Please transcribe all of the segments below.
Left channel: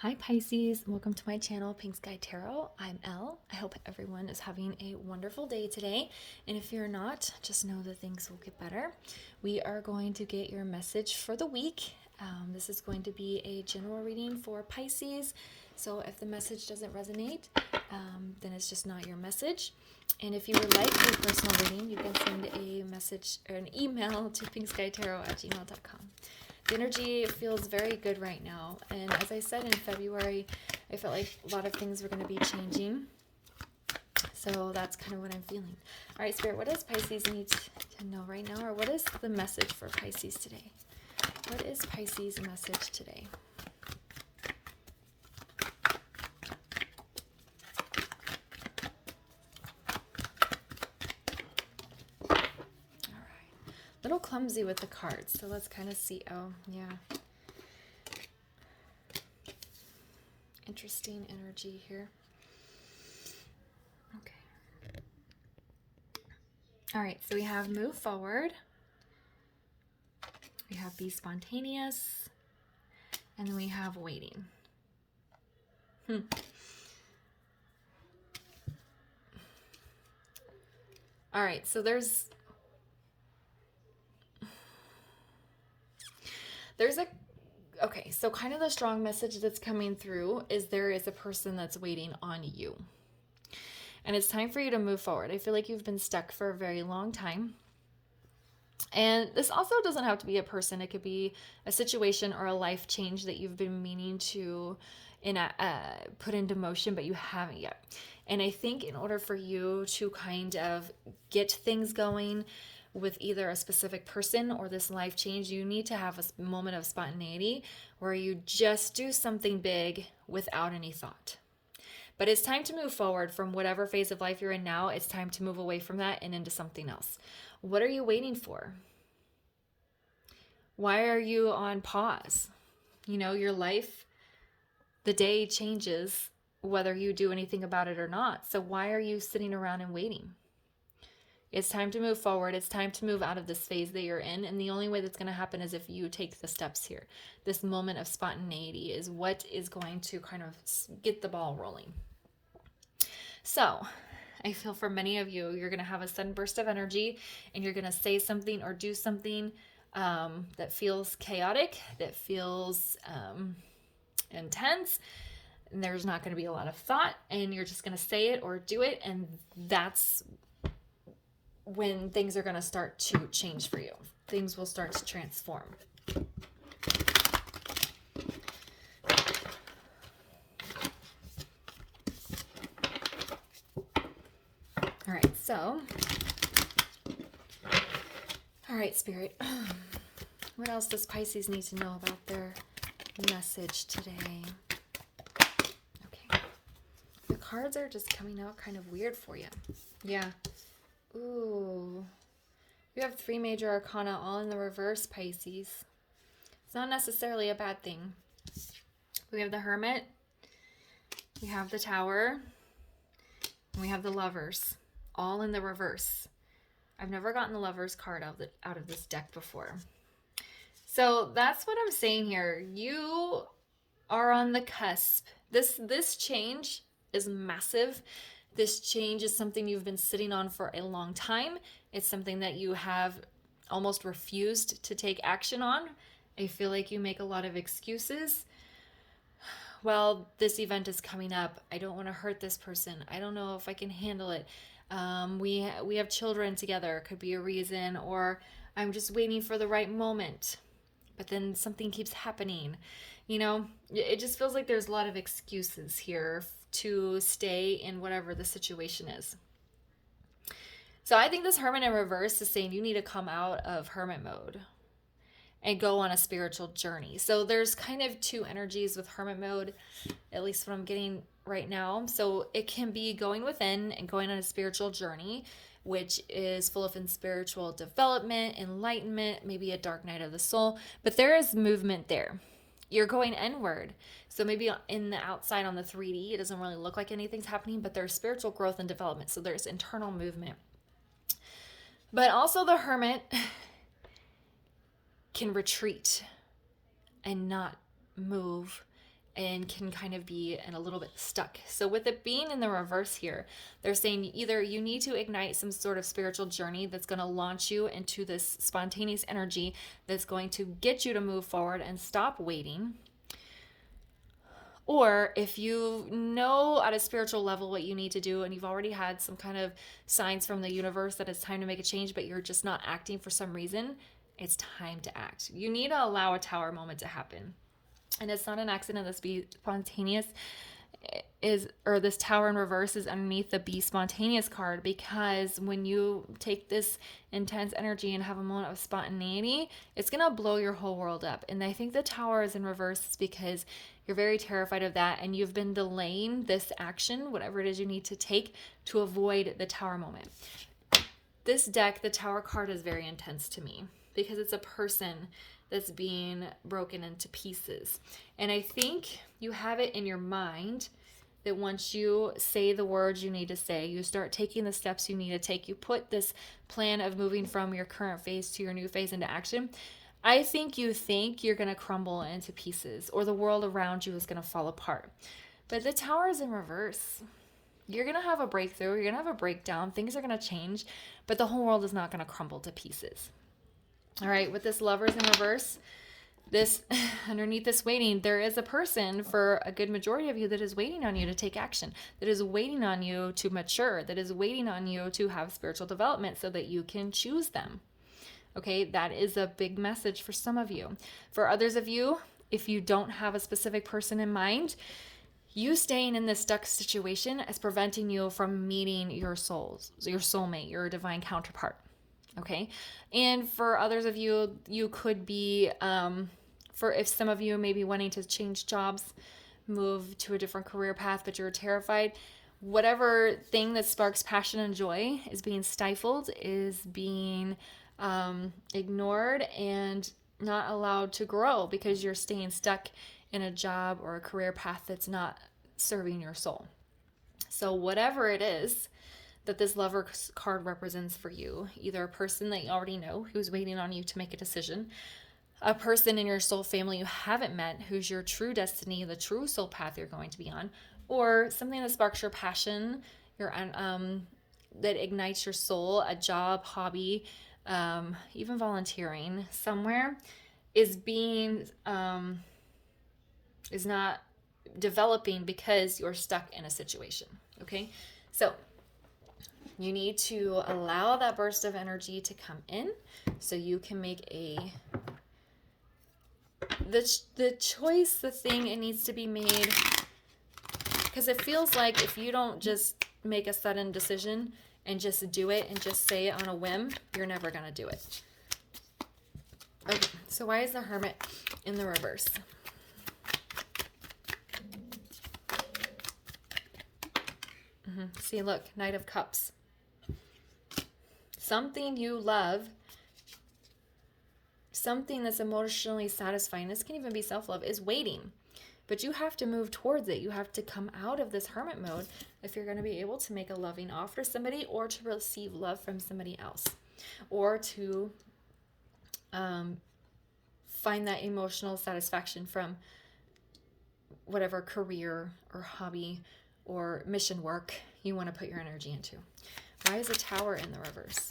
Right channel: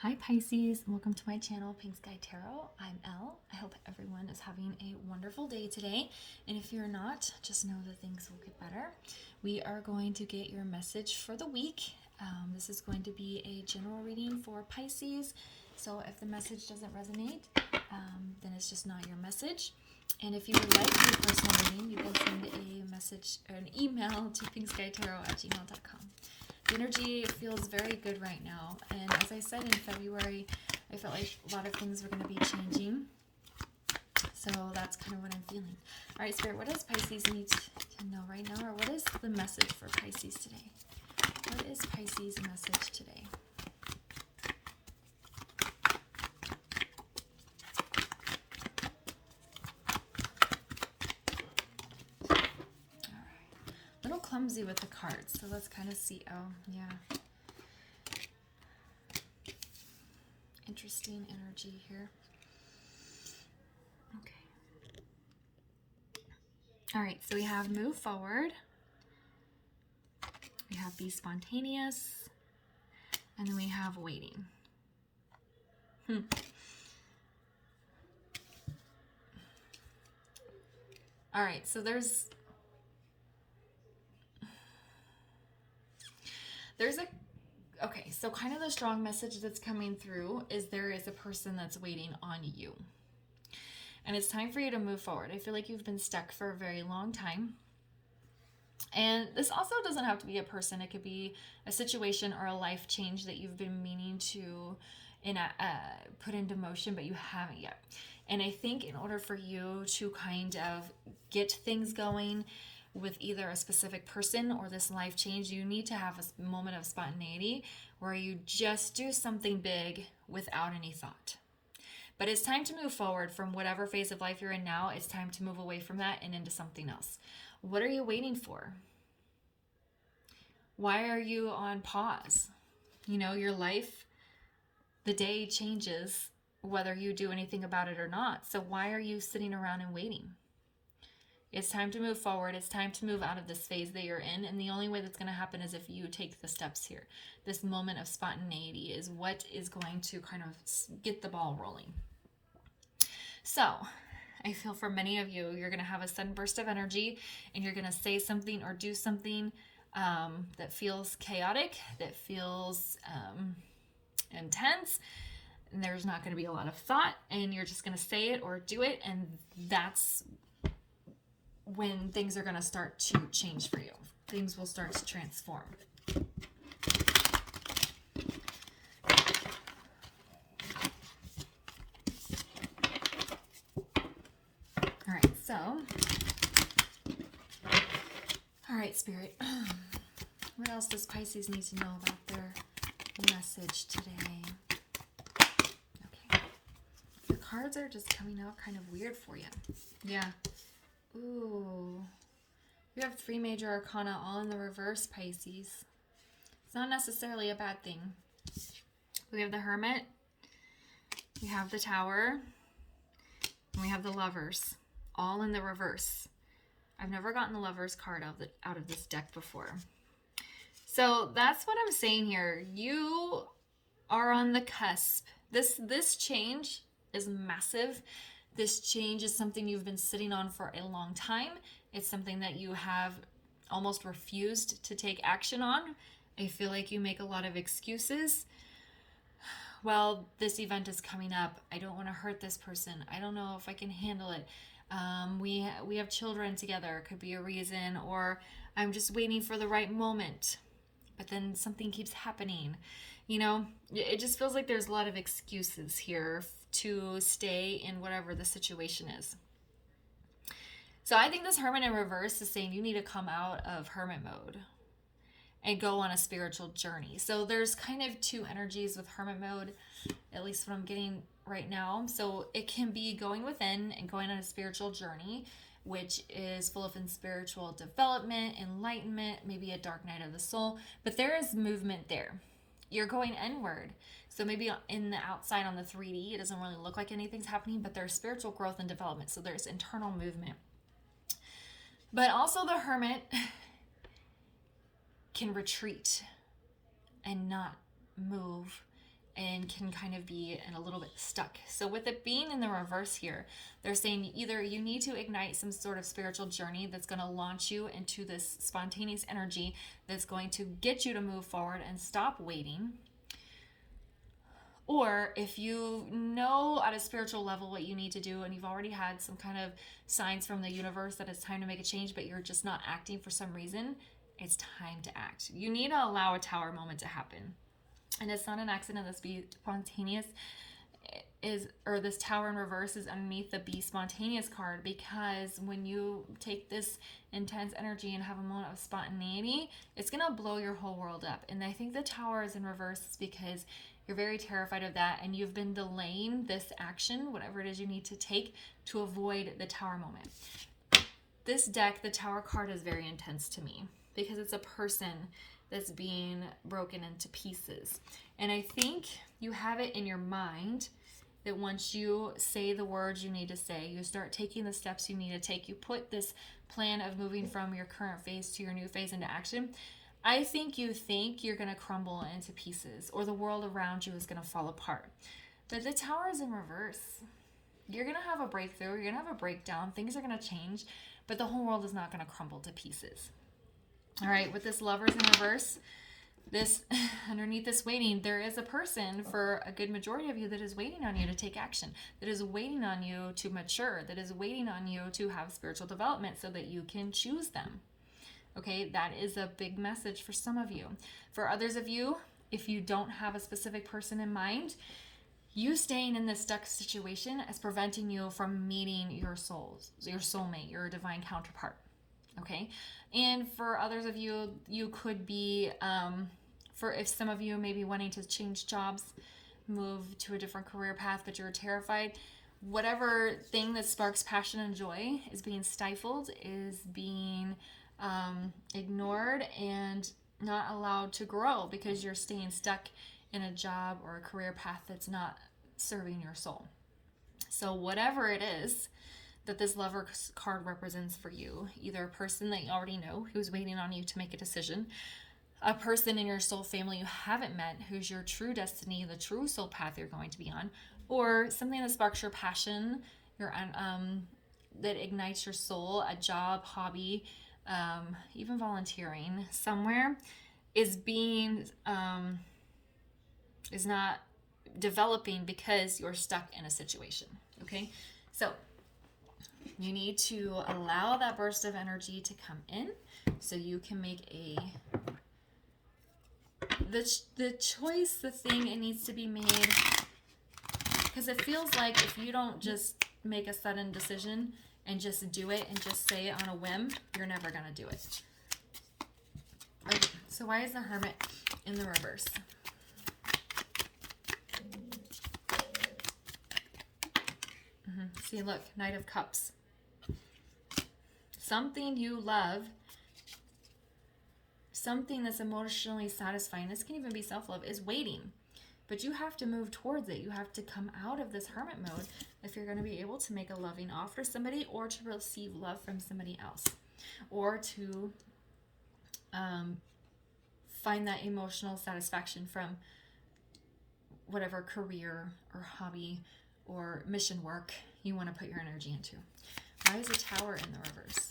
Hi Pisces, welcome to my channel, Pink Sky Tarot. I'm Elle. I hope everyone is having a wonderful day today. And if you're not, just know that things will get better. We are going to get your message for the week. This is going to be a general reading for Pisces. So if the message doesn't resonate, then it's just not your message. And if you would like a personal reading, you can send a message or an email to pinkskytarot@gmail.com. The energy feels very good right now, and as I said in February, I felt like a lot of things were going to be changing, so that's kind of what I'm feeling. All right, Spirit, what does Pisces need to know right now, or what is the message for Pisces today? What is Pisces' message today? Little clumsy with the cards, so let's kind of see. Oh, yeah. Interesting energy here. Okay. All right, so we have move forward. We have be spontaneous. And then we have waiting. All right, so there's okay, so kind of the strong message that's coming through is there is a person that's waiting on you. And it's time for you to move forward. I feel like you've been stuck for a very long time. And this also doesn't have to be a person. It could be a situation or a life change that you've been meaning to put into motion, but you haven't yet. And I think in order for you to kind of get things going with either a specific person or this life change, you need to have a moment of spontaneity where you just do something big without any thought. But it's time to move forward from whatever phase of life you're in now. It's time to move away from that and into something else. What are you waiting for? Why are you on pause? You know, your life, the day changes whether you do anything about it or not. So why are you sitting around and waiting? It's time to move forward. It's time to move out of this phase that you're in. And the only way that's going to happen is if you take the steps here. This moment of spontaneity is what is going to kind of get the ball rolling. So I feel for many of you, you're going to have a sudden burst of energy and you're going to say something or do something that feels chaotic, that feels intense. And there's not going to be a lot of thought, and you're just going to say it or do it. And that's when things are going to start to change for you. Things will start to transform. All right, so, all right, Spirit, what else does Pisces need to know about their message today? Okay, the cards are just coming out kind of weird for you. Yeah. Ooh, you have 3 major arcana all in the reverse, Pisces. It's not necessarily a bad thing. We have the Hermit, we have the Tower, and we have the Lovers, all in the reverse. I've never gotten the Lovers card out of this deck before. So that's what I'm saying here. You are on the cusp. This change is massive. This change is something you've been sitting on for a long time. It's something that you have almost refused to take action on. I feel like you make a lot of excuses. Well, this event is coming up. I don't want to hurt this person. I don't know if I can handle it. We have children together. Could be a reason. Or I'm just waiting for the right moment. But then something keeps happening. You know, it just feels like there's a lot of excuses here to stay in whatever the situation is. So I think this Hermit in reverse is saying you need to come out of hermit mode and go on a spiritual journey. So there's kind of 2 energies with hermit mode, at least what I'm getting right now. So it can be going within and going on a spiritual journey, which is full of spiritual development, enlightenment, maybe a dark night of the soul, but there is movement there. You're going inward. So maybe in the outside on the 3D, it doesn't really look like anything's happening, but there's spiritual growth and development. So there's internal movement. But also the Hermit can retreat and not move and can kind of be in a little bit stuck. So with it being in the reverse here, they're saying either you need to ignite some sort of spiritual journey that's going to launch you into this spontaneous energy that's going to get you to move forward and stop waiting. Or if you know at a spiritual level what you need to do and you've already had some kind of signs from the universe that it's time to make a change, but you're just not acting for some reason, it's time to act. You need to allow a tower moment to happen. And it's not an accident this be spontaneous or this tower in reverse is underneath the be spontaneous card, because when you take this intense energy and have a moment of spontaneity, it's going to blow your whole world up. And I think the tower is in reverse because you're very terrified of that, and you've been delaying this action, whatever it is you need to take, to avoid the tower moment. This deck, the tower card, is very intense to me because it's a person that's being broken into pieces. And I think you have it in your mind that once you say the words you need to say, you start taking the steps you need to take, you put this plan of moving from your current phase to your new phase into action, I think you're going to crumble into pieces, or the world around you is going to fall apart. But the tower is in reverse. You're going to have a breakthrough, you're going to have a breakdown, things are going to change, but the whole world is not going to crumble to pieces. All right, with this lovers in reverse, this underneath this waiting, there is a person for a good majority of you that is waiting on you to take action, that is waiting on you to mature, that is waiting on you to have spiritual development so that you can choose them. Okay, that is a big message for some of you. For others of you, if you don't have a specific person in mind, you staying in this stuck situation is preventing you from meeting your soulmate, your divine counterpart. Okay, and for others of you, you could be, if some of you may be wanting to change jobs, move to a different career path, but you're terrified, whatever thing that sparks passion and joy is being stifled, is being ignored and not allowed to grow because you're staying stuck in a job or a career path that's not serving your soul. So whatever it is that this lover card represents for you, either a person that you already know who's waiting on you to make a decision, a person in your soul family you haven't met who's your true destiny, the true soul path you're going to be on, or something that sparks your passion, that ignites your soul, a job, hobby, even volunteering somewhere, is not developing because you're stuck in a situation. Okay, so you need to allow that burst of energy to come in so you can make the choice, the thing it needs to be made, because it feels like if you don't just make a sudden decision and just do it and just say it on a whim, you're never going to do it. Okay, so why is the Hermit in the reverse? See, look, Knight of Cups. Something you love, something that's emotionally satisfying, this can even be self-love, is waiting. But you have to move towards it. You have to come out of this hermit mode if you're going to be able to make a loving offer to somebody, or to receive love from somebody else, or to find that emotional satisfaction from whatever career or hobby or mission work you want to put your energy into. Why is a Tower in the reverse?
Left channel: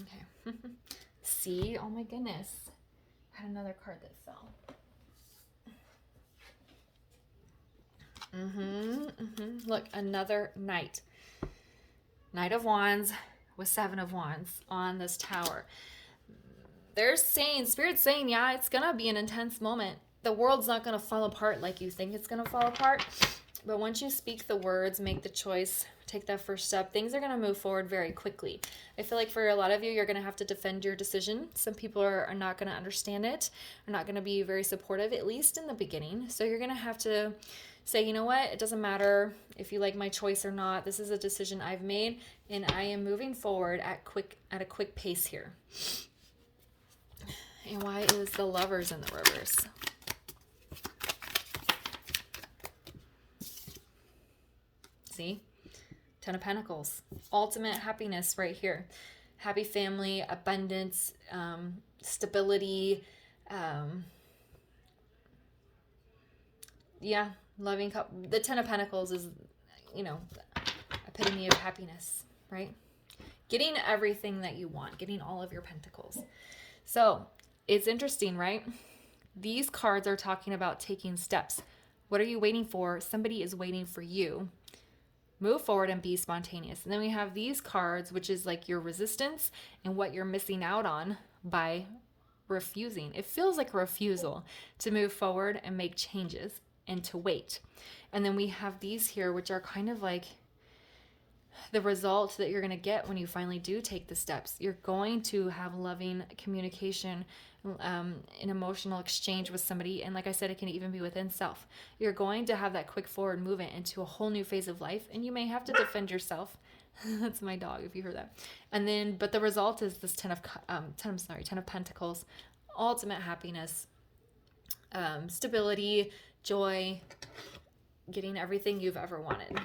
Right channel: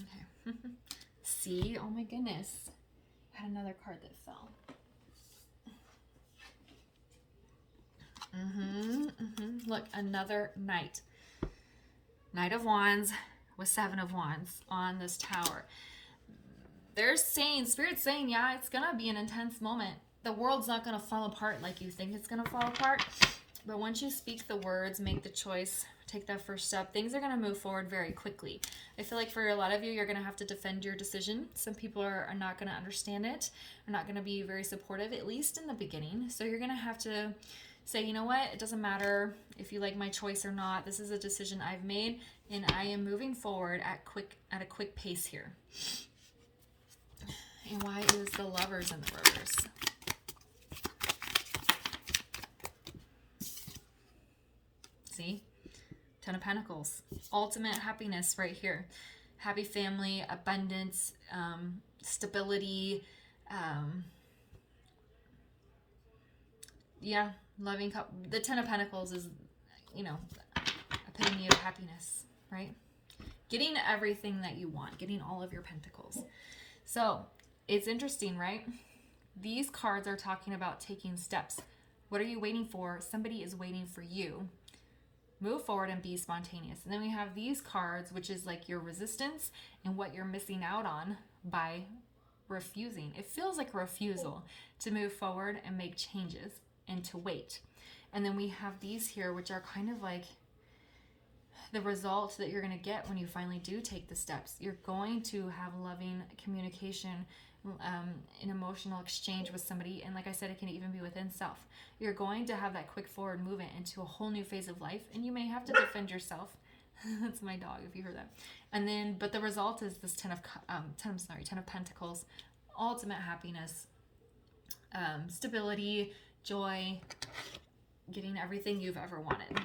Okay. See? Oh my goodness. I had another card that fell. Look, another Knight. Knight of Wands with Seven of Wands on this Tower. They're saying, Spirit's saying, yeah, it's going to be an intense moment. The world's not going to fall apart like you think it's going to fall apart. But once you speak the words, make the choice, take that first step, things are going to move forward very quickly. I feel like for a lot of you, you're going to have to defend your decision. Some people are not going to understand it, are not going to be very supportive, at least in the beginning. So you're going to have to say, you know what, it doesn't matter if you like my choice or not. This is a decision I've made, and I am moving forward at a quick pace here. And why is the Lovers in the reverse? See? Ten of Pentacles. Ultimate happiness right here. Happy family, abundance, stability. Yeah, loving couple. The Ten of Pentacles is, you know, epitome of happiness, right? Getting everything that you want, getting all of your pentacles. So it's interesting, right? These cards are talking about taking steps. What are you waiting for? Somebody is waiting for you. Move forward and be spontaneous. And then we have these cards, which is like your resistance and what you're missing out on by refusing. It feels like a refusal to move forward and make changes and to wait. And then we have these here, which are kind of like the result that you're going to get when you finally do take the steps. You're going to have loving communication, an emotional exchange with somebody. And like I said, it can even be within self. You're going to have that quick forward movement into a whole new phase of life. And you may have to defend yourself. That's my dog, if you heard that. And then, but the result is this Ten of Pentacles, ultimate happiness, stability, joy, getting everything you've ever wanted.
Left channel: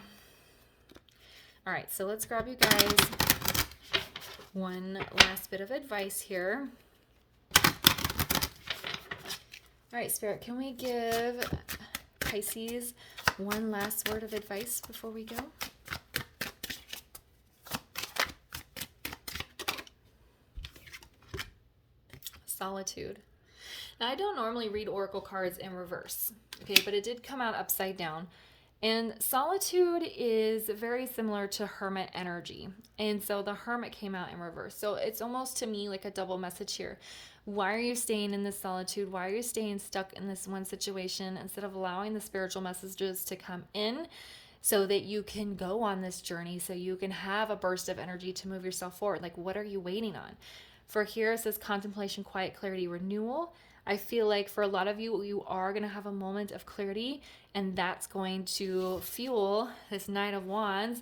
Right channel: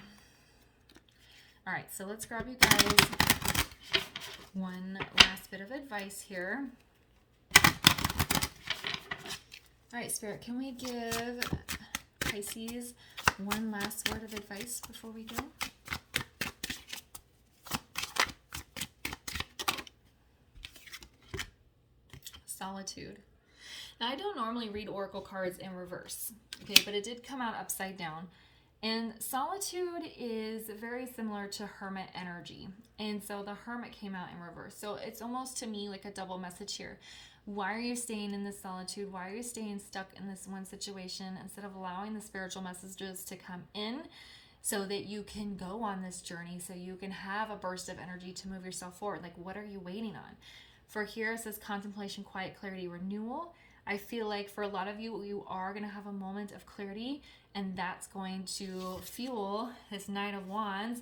All right, so let's grab you guys one last bit of advice here. All right, Spirit, can we give Pisces one last word of advice before we go? Solitude. Now, I don't normally read oracle cards in reverse, okay, but it did come out upside down. And solitude is very similar to hermit energy. And so the hermit came out in reverse. So it's almost to me like a double message here. Why are you staying in this solitude? Why are you staying stuck in this one situation instead of allowing the spiritual messages to come in so that you can go on this journey, so you can have a burst of energy to move yourself forward? Like, what are you waiting on? For here it says contemplation, quiet, clarity, renewal. I feel like for a lot of you, you are going to have a moment of clarity, and that's going to fuel this Knight of Wands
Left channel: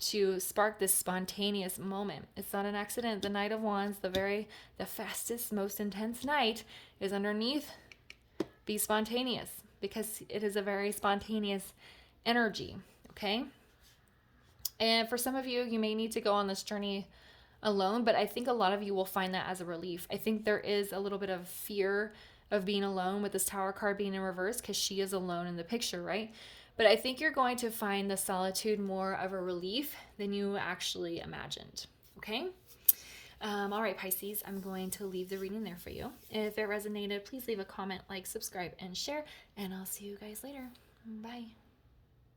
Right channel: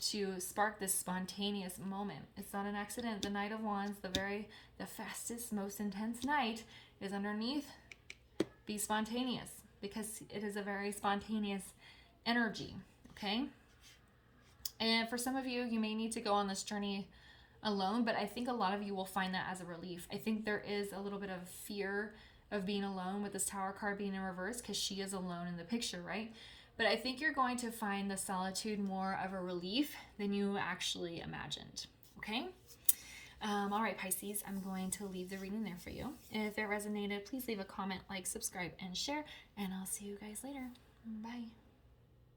to spark this spontaneous moment. It's not an accident. The Knight of Wands, the fastest, most intense knight, is underneath be spontaneous, because it is a very spontaneous energy, okay? And for some of you, you may need to go on this journey alone, but I think a lot of you will find that as a relief. I think there is a little bit of fear of being alone with this Tower card being in reverse, because she is alone in the picture, right? But I think you're going to find the solitude more of a relief than you actually imagined, okay? All right, Pisces, I'm going to leave the reading there for you. If it resonated, please leave a comment, like, subscribe, and share, and I'll see you guys later. Bye.